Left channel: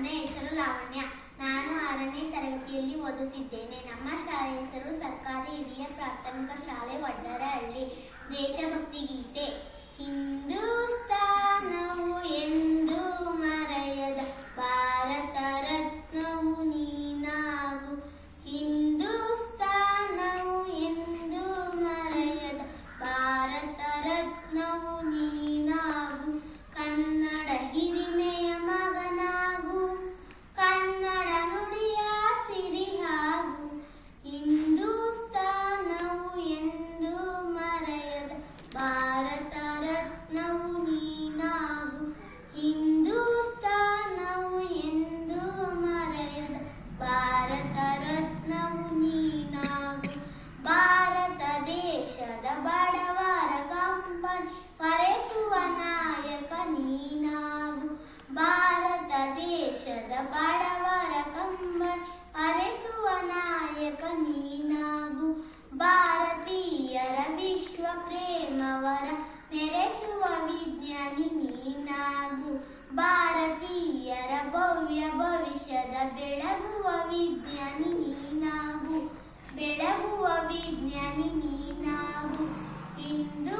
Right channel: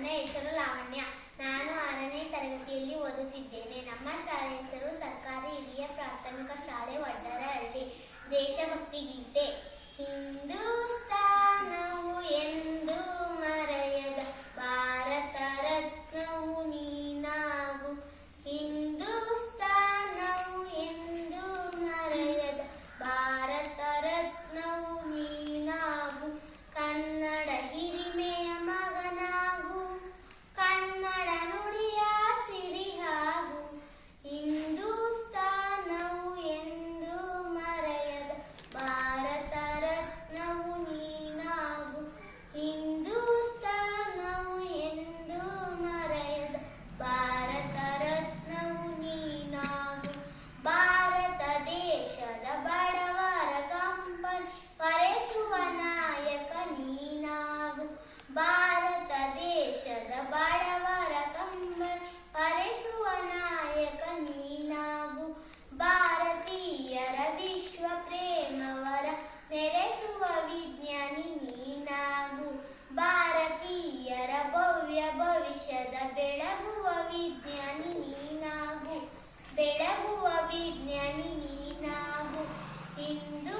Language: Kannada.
ನನ್ನ ಹೆಸರು ಲಾವಣ್ಯ. ನಾನು 6ನೇ ತರಗತಿಯಲ್ಲಿ ಓದುತ್ತಿದ್ದೇನೆ. ನಮ್ಮ ಶಾಲೆಯ ಹೆಸರು ಸರ್ಕಾರಿ ಹಿರಿಯ ಪ್ರಾಥಮಿಕ ಶಾಲೆ ವಡ್ಡರಹಳ್ಳಿ. ದೇಶಭಕ್ತಿ ಗೀತೆ. ಹಿಂದೂಸ್ತಾನವು ಎಂದು ಮರೆಯದ ಭಾರತ ರತ್ನವು ನೀನಾಗು. ಹಿಂದೂಸ್ತಾನವು ಎಂದು ಮರೆಯದ ಭಾರತ ರತ್ನವು ನೀನಾಗು. ಕನ್ನಡ ಹಿರಿಮೆಯ ಮಗನಾಗು, ಕನ್ನಡ ನುಡಿಯ ಸಿರಿಯಾಗು. ಹಿಂದೂಸ್ತಾನವು ಎಂದು ಮರೆಯದ ಭಾರತ ರತ್ನವು ನೀನಾಗು. ಹಿಂದೂಸ್ತಾನವು ಎಂದು ಮರೆಯದ ಭಾರತ ರತ್ನವು ನೀನಾಗು. ಭಾರತ ದೇಶದ ಬಡವರ ಕಂಬನಿ ಪರೆಸುವ ನಾಯಕ ನೀನಾಗು. ಭಾರತ ದೇಶದ ಬಡವರ ಕಂಬನಿ ಪರೆಸುವ ನಾಯಕ ನೀನಾಗು. ಭಾರತೀಯರ ವಿಶ್ವ ಪ್ರೇಮವರ ಮೆರೆಸುವ ವಿಜ್ಞಾನಿ ನೀನಾಗು. ಭಾರತೀಯರ ಭವ್ಯ ಭವಿಷ್ಯದ ಬೆಳಗುವ ವಿಜ್ಞಾನಿ ನೀನಾಗು. ಬೆಳಗುವ ವಿಜ್ಞಾನಿ ನೀನಾಗು. ಹಿಂದೂ